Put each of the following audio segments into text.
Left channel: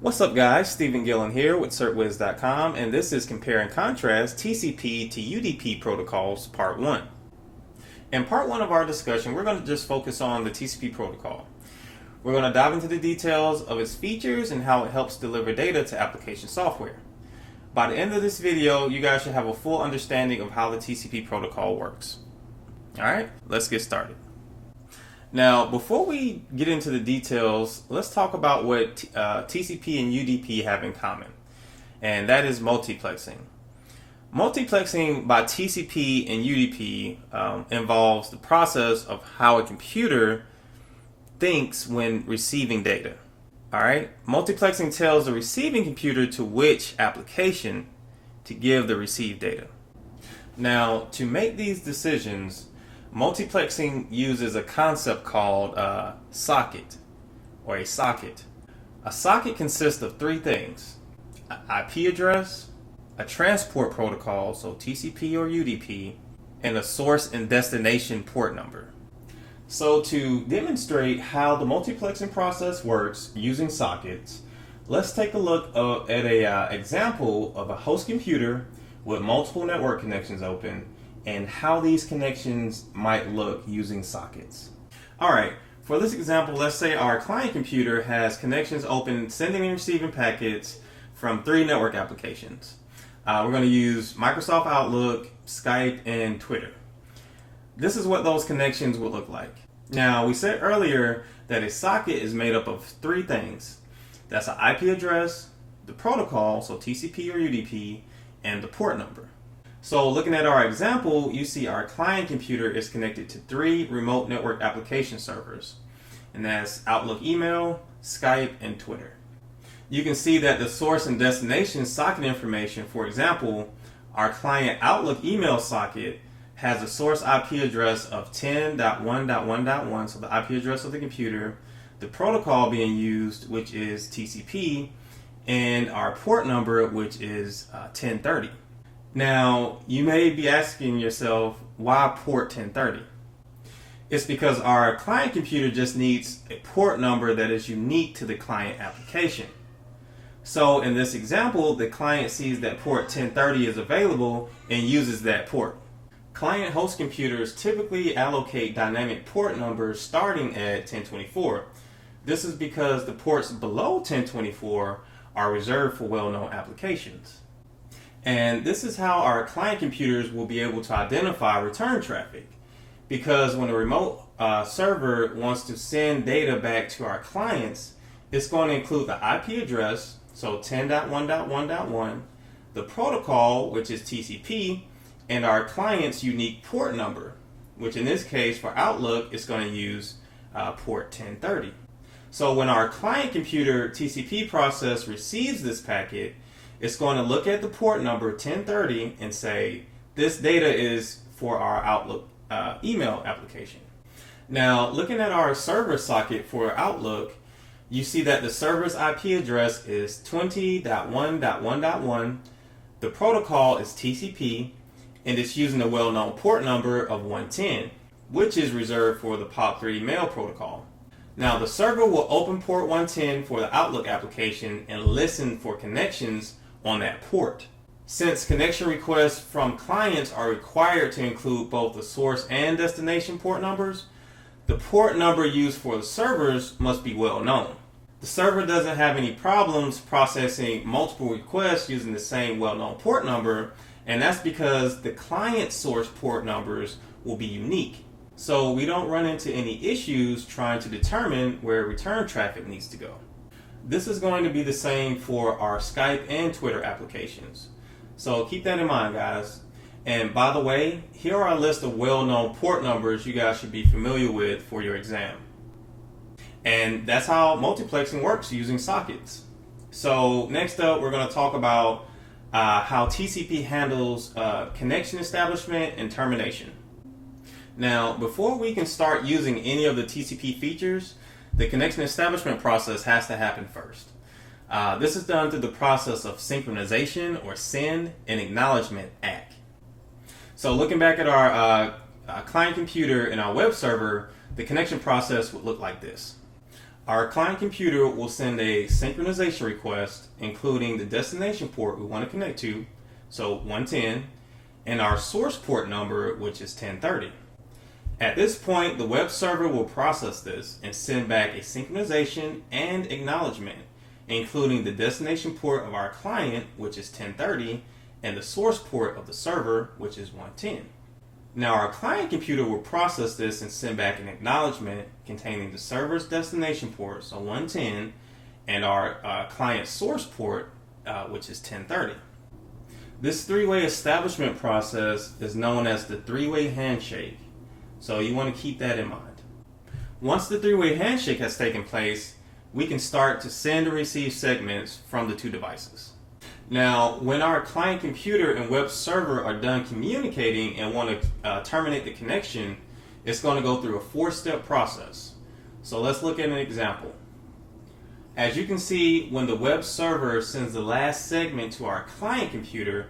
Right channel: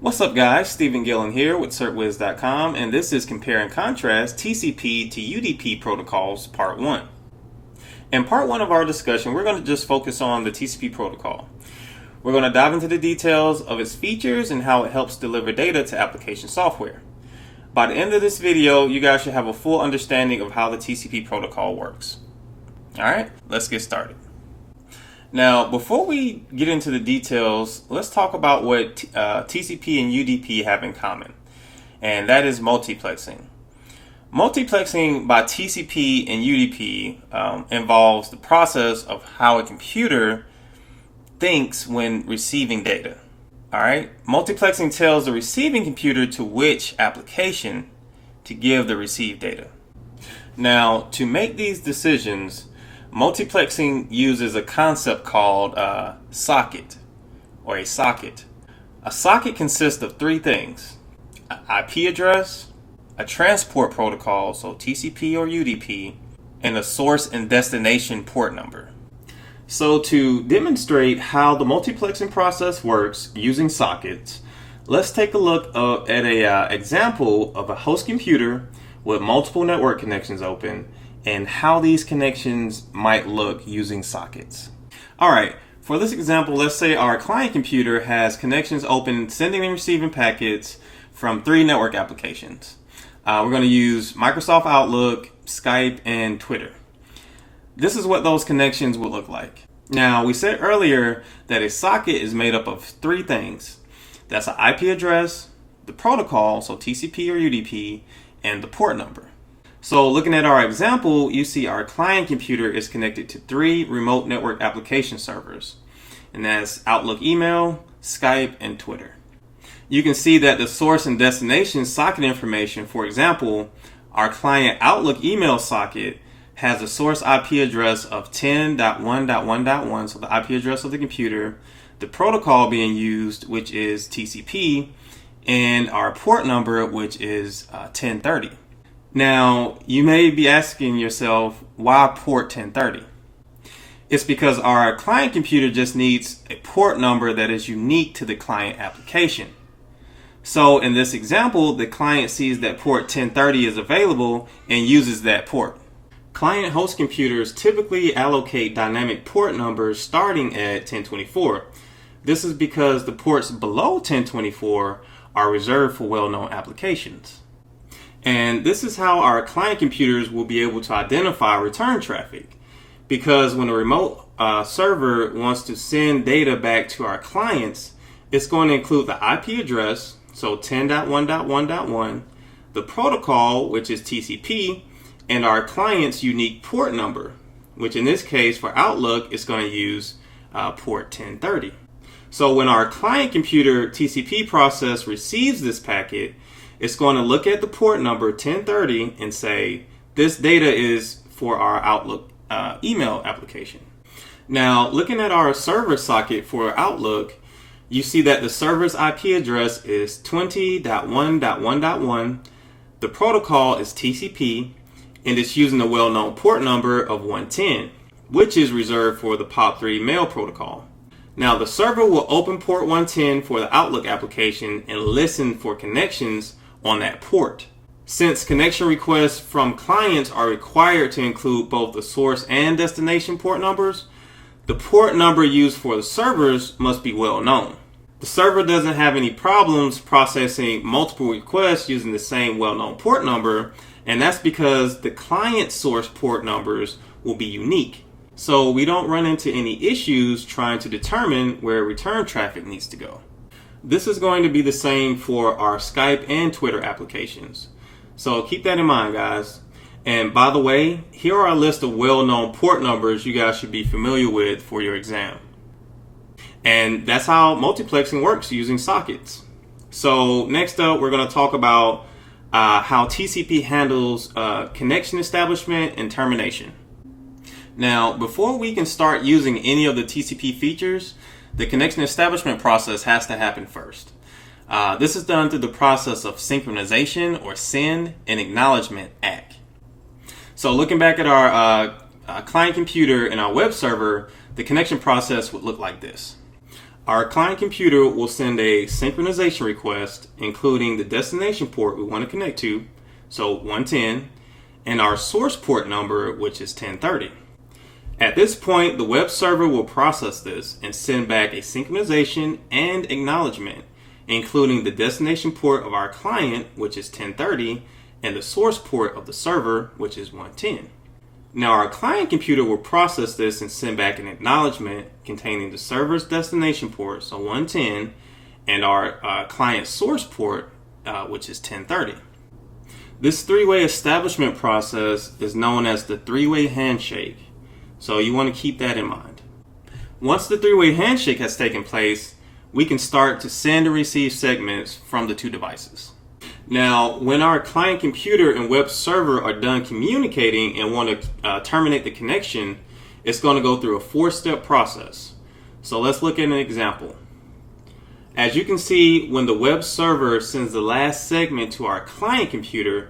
What's up guys, Stephen Gillen here with CertWiz.com, and this is Compare and Contrast TCP to UDP protocols Part 1. In Part 1 of our discussion, we're going to just focus on the TCP protocol. We're going to dive into the details of its features and how it helps deliver data to application software. By the end of this video, you guys should have a full understanding of how the TCP protocol works. Alright, let's get started. Now, before we get into the details, let's talk about what TCP and UDP have in common, and that is multiplexing. Multiplexing by TCP and UDP involves the process of how a computer thinks when receiving data. All right, multiplexing tells the receiving computer to which application to give the received data. Now, to make these decisions, multiplexing uses a concept called socket or a socket. A socket consists of three things: an IP address, a transport protocol, so TCP or UDP, and a source and destination port number. So to demonstrate how the multiplexing process works using sockets, let's take a look at an example of a host computer with multiple network connections open and how these connections might look using sockets. Alright, for this example, let's say our client computer has connections open sending and receiving packets from three network applications. We're going to use Microsoft Outlook, Skype, and Twitter. This is what those connections would look like. Now, we said earlier that a socket is made up of three things. That's an IP address, the protocol, so TCP or UDP, and the port number. So looking at our example, you see our client computer is connected to three remote network application servers, and that's Outlook Email, Skype, and Twitter. You can see that the source and destination socket information, for example, our client Outlook Email socket has a source IP address of 10.1.1.1, so the IP address of the computer, the protocol being used, which is TCP, and our port number, which is 1030. Now, you may be asking yourself, why port 1030? It's because our client computer just needs a port number that is unique to the client application. So in this example, the client sees that port 1030 is available and uses that port. Client host computers typically allocate dynamic port numbers starting at 1024. This is because the ports below 1024 are reserved for well-known applications. And this is how our client computers will be able to identify return traffic, because when a remote server wants to send data back to our clients, it's going to include the IP address, so 10.1.1.1, the protocol, which is TCP, and our client's unique port number, which in this case for Outlook is going to use port 1030. So when our client computer TCP process receives this packet, it's going to look at the port number 1030 and say, this data is for our Outlook email application. Now, looking at our server socket for Outlook, you see that the server's IP address is 20.1.1.1, the protocol is TCP, and it's using the well-known port number of 110, which is reserved for the POP3 mail protocol. Now, the server will open port 110 for the Outlook application and listen for connections on that port. Since connection requests from clients are required to include both the source and destination port numbers, the port number used for the servers must be well known. The server doesn't have any problems processing multiple requests using the same well-known port number, and that's because the client source port numbers will be unique. So we don't run into any issues trying to determine where return traffic needs to go. This is going to be the same for our Skype and Twitter applications. So keep that in mind, guys. And by the way, here are a list of well-known port numbers you guys should be familiar with for your exam. And that's how multiplexing works using sockets. So next up, we're going to talk about how TCP handles connection establishment and termination. Now, before we can start using any of the TCP features, the connection establishment process has to happen first. This is done through the process of synchronization or SYN and acknowledgement ACK. So looking back at our client computer and our web server, the connection process would look like this. Our client computer will send a synchronization request, including the destination port we want to connect to, so 110, and our source port number, which is 1030. At this point, the web server will process this and send back a synchronization and acknowledgement, including the destination port of our client, which is 1030, and the source port of the server, which is 110. Now our client computer will process this and send back an acknowledgement containing the server's destination port, so 110, and our client source port, which is 1030. This three-way establishment process is known as the three-way handshake, so you want to keep that in mind. Once the three-way handshake has taken place, we can start to send and receive segments from the two devices. Now, when our client computer and web server are done communicating and want to terminate the connection, it's going to go through a 4-step process. So let's look at an example. As you can see, when the web server sends the last segment to our client computer,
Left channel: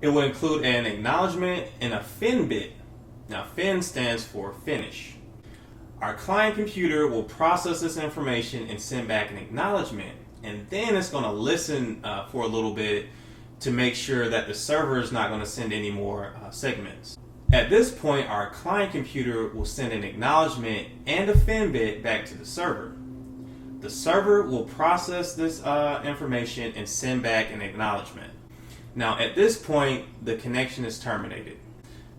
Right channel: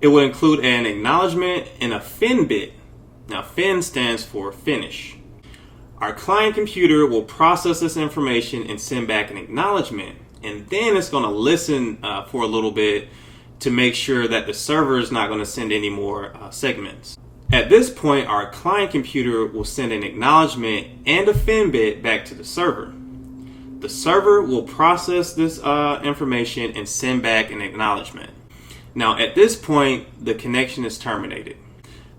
it will include an acknowledgement and a fin bit. Now, fin stands for finish. Our client computer will process this information and send back an acknowledgement, and then it's going to listen for a little bit to make sure that the server is not going to send any more segments. At this point, our client computer will send an acknowledgement and a fin bit back to the server. The server will process this information and send back an acknowledgement. Now, at this point, the connection is terminated.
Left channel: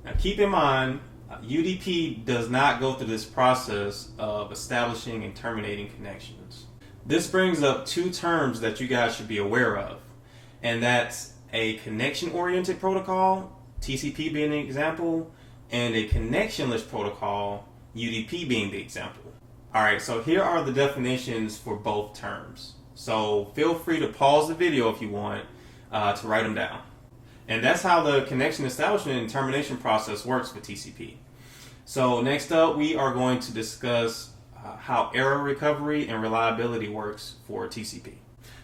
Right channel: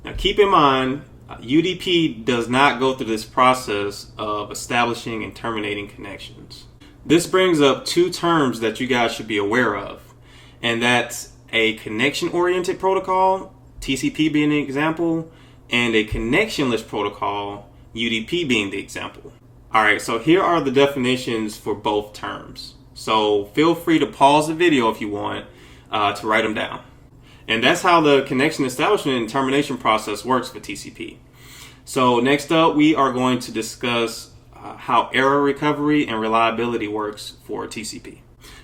Now, keep in mind, UDP does not go through this process of establishing and terminating connections. This brings up two terms that you guys should be aware of, and that's a connection-oriented protocol, TCP being the example, and a connectionless protocol, UDP being the example. Alright, so here are the definitions for both terms. So feel free to pause the video if you want to write them down. And that's how the connection establishment and termination process works for TCP. So next up, we are going to discuss how error recovery and reliability works for TCP.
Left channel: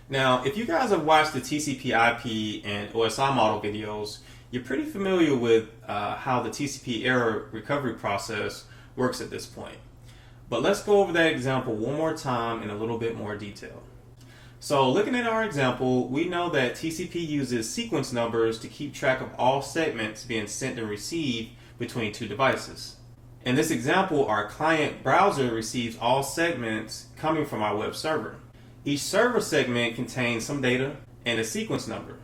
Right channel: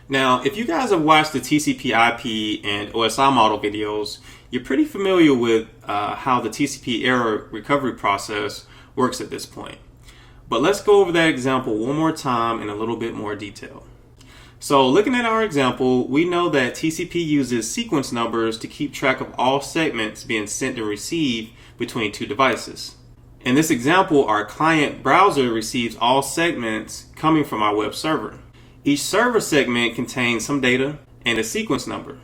Now, if you guys have watched the TCP IP and OSI model videos, you're pretty familiar with how the TCP error recovery process works at this point. But let's go over that example one more time in a little bit more detail. So looking at our example, we know that TCP uses sequence numbers to keep track of all segments being sent and received between two devices. In this example, our client browser receives all segments coming from our web server. Each server segment contains some data and a sequence number.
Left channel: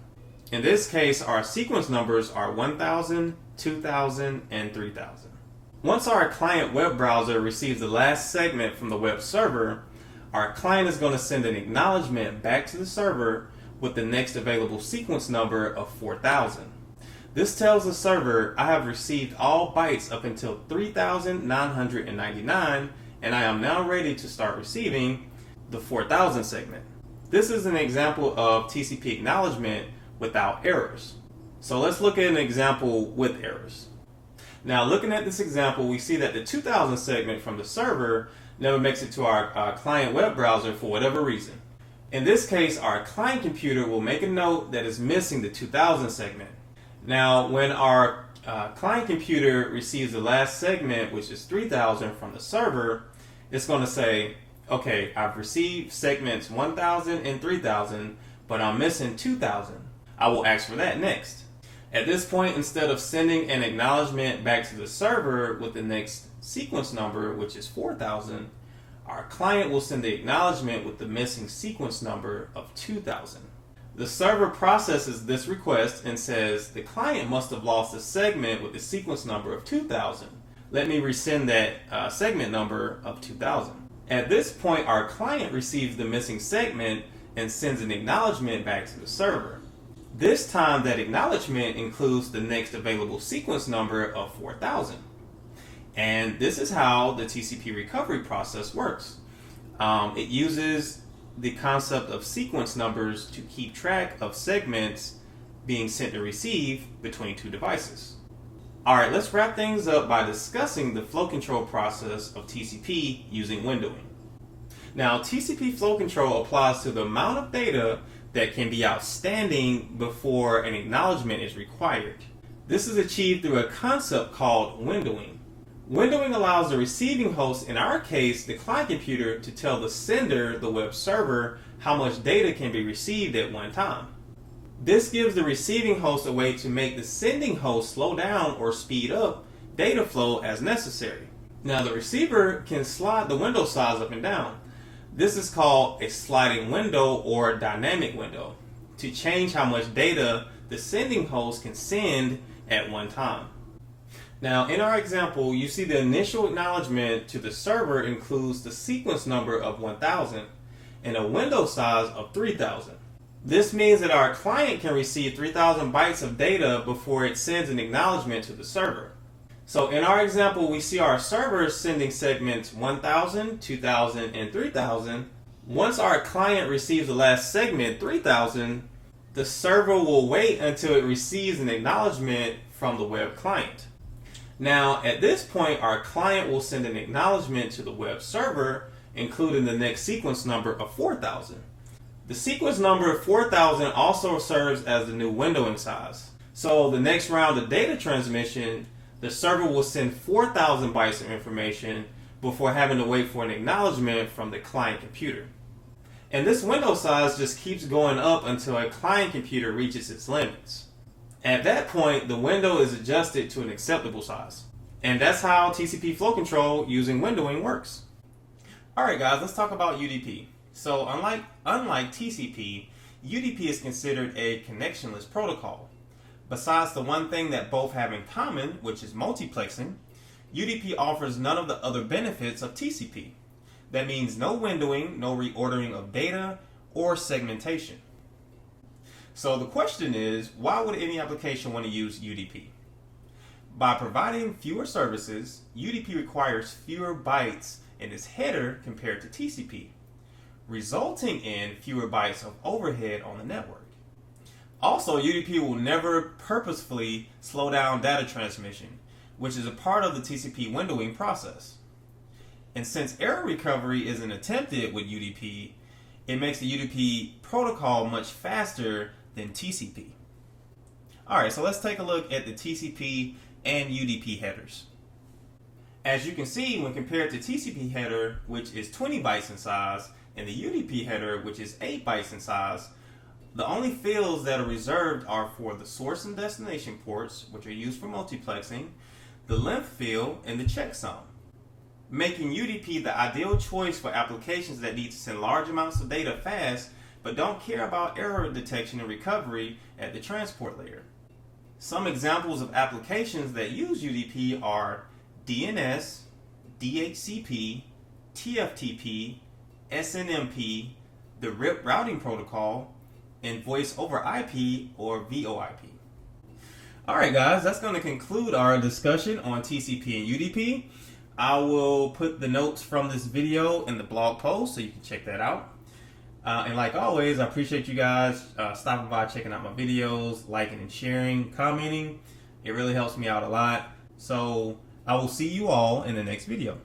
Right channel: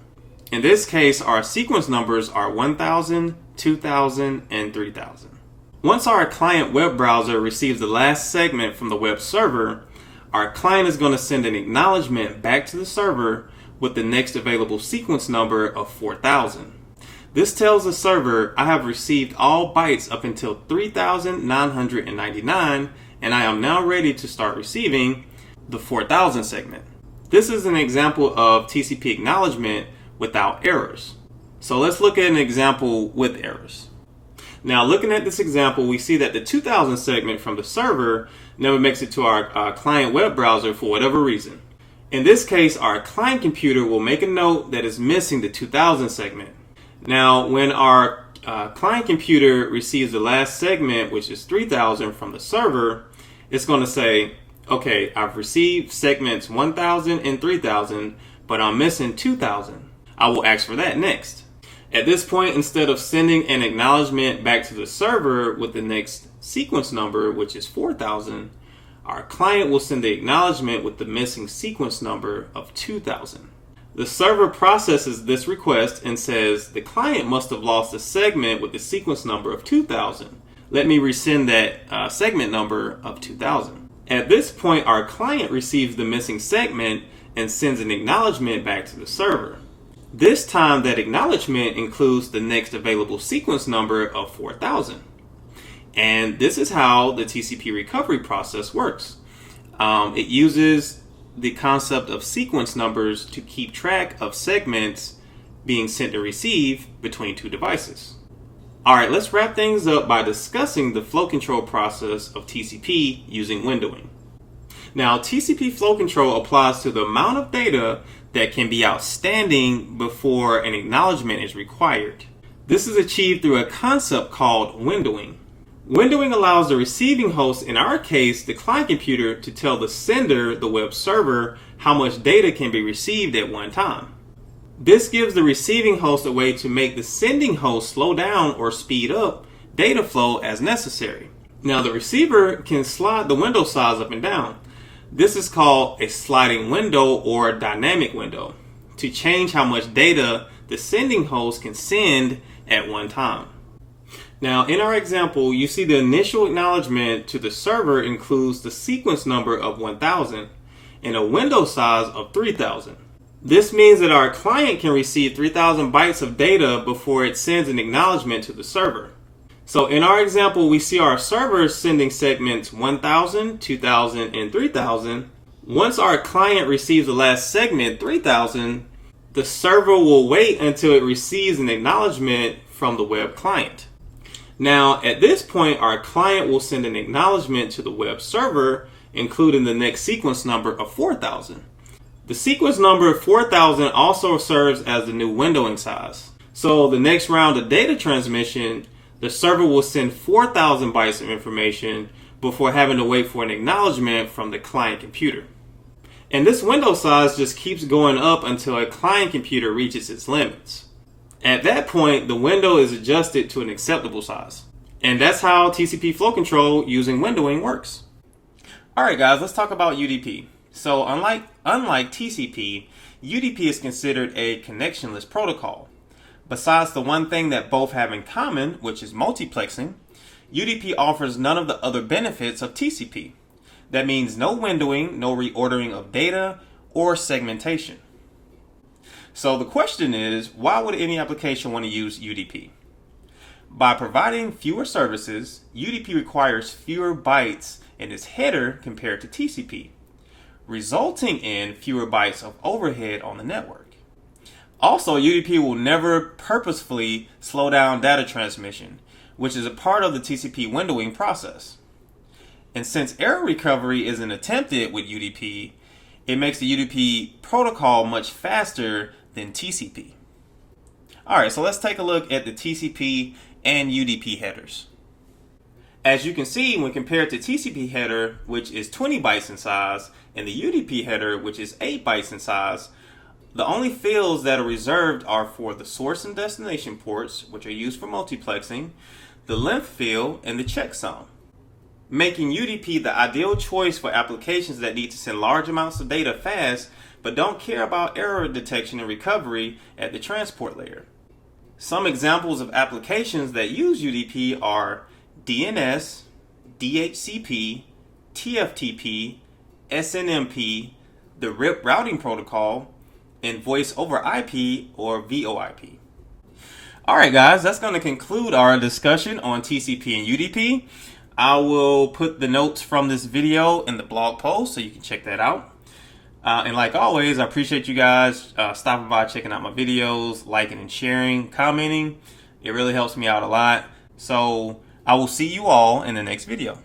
In this case, our sequence numbers are 1000, 2000, and 3000. Once our client web browser receives the last segment from the web server, our client is going to send an acknowledgement back to the server with the next available sequence number of 4000. This tells the server, I have received all bytes up until 3999, and I am now ready to start receiving the 4000 segment. This is an example of TCP acknowledgement without errors. So let's look at an example with errors. Now, looking at this example, we see that the 2000 segment from the server never makes it to our client web browser for whatever reason. In this case, our client computer will make a note that is missing the 2000 segment. Now, when our client computer receives the last segment, which is 3000 from the server, it's going to say, okay, I've received segments 1000 and 3000, but I'm missing 2000. I will ask for that next. At this point, instead of sending an acknowledgement back to the server with the next sequence number, which is 4000, our client will send the acknowledgement with the missing sequence number of 2000. The server processes this request and says, the client must have lost a segment with the sequence number of 2000. Let me resend that segment number of 2000. At this point, our client receives the missing segment and sends an acknowledgement back to the server. This time, that acknowledgement includes the next available sequence number of 4000. And this is how the TCP recovery process works. It uses the concept of sequence numbers to keep track of segments being sent and received between two devices. Alright, let's wrap things up by discussing the flow control process of TCP using windowing. Now, TCP flow control applies to the amount of data that can be outstanding before an acknowledgement is required. This is achieved through a concept called windowing. Windowing allows the receiving host, in our case the client computer, to tell the sender, the web server, how much data can be received at one time. This gives the receiving host a way to make the sending host slow down or speed up data flow as necessary. Now the receiver can slide the window size up and down. This is called a sliding window or dynamic window, to change how much data the sending host can send at one time. Now in our example, you see the initial acknowledgement to the server includes the sequence number of 1000 and a window size of 3000. This means that our client can receive 3000 bytes of data before it sends an acknowledgement to the server. So in our example, we see our server sending segments 1000, 2000, and 3000. Once our client receives the last segment, 3000, the server will wait until it receives an acknowledgement from the web client. Now, at this point, our client will send an acknowledgement to the web server, including the next sequence number of 4000. The sequence number of 4000 also serves as the new windowing size. So the next round of data transmission, the server will send 4000 bytes of information before having to wait for an acknowledgement from the client computer. And this window size just keeps going up until a client computer reaches its limits. At that point, the window is adjusted to an acceptable size. And that's how TCP flow control using windowing works. Alright guys, let's talk about UDP. So unlike TCP, UDP is considered a connectionless protocol. Besides the one thing that both have in common, which is multiplexing, UDP offers none of the other benefits of TCP. That means no windowing, no reordering of data, or segmentation. So the question is, why would any application want to use UDP? By providing fewer services, UDP requires fewer bytes in its header compared to TCP, resulting in fewer bytes of overhead on the network. Also, UDP will never purposefully slow down data transmission, which is a part of the TCP windowing process. And since error recovery isn't attempted with UDP, it makes the UDP protocol much faster than TCP. Alright, so let's take a look at the TCP and UDP headers. As you can see, when compared to TCP header, which is 20 bytes in size, and the UDP header, which is 8 bytes in size, the only fields that are reserved are for the source and destination ports, which are used for multiplexing, the length field, and the checksum, making UDP the ideal choice for applications that need to send large amounts of data fast but don't care about error detection and recovery at the transport layer. Some examples of applications that use UDP are DNS, DHCP, TFTP, SNMP, the RIP routing protocol, and voice over IP or VoIP. Alright guys, that's going to conclude our discussion on TCP and UDP. I will put the notes from this video in the blog post so you can check that out. And like always, I appreciate you guys stopping by, checking out my videos, liking and sharing, commenting. It really helps me out a lot. So I will see you all in the next video.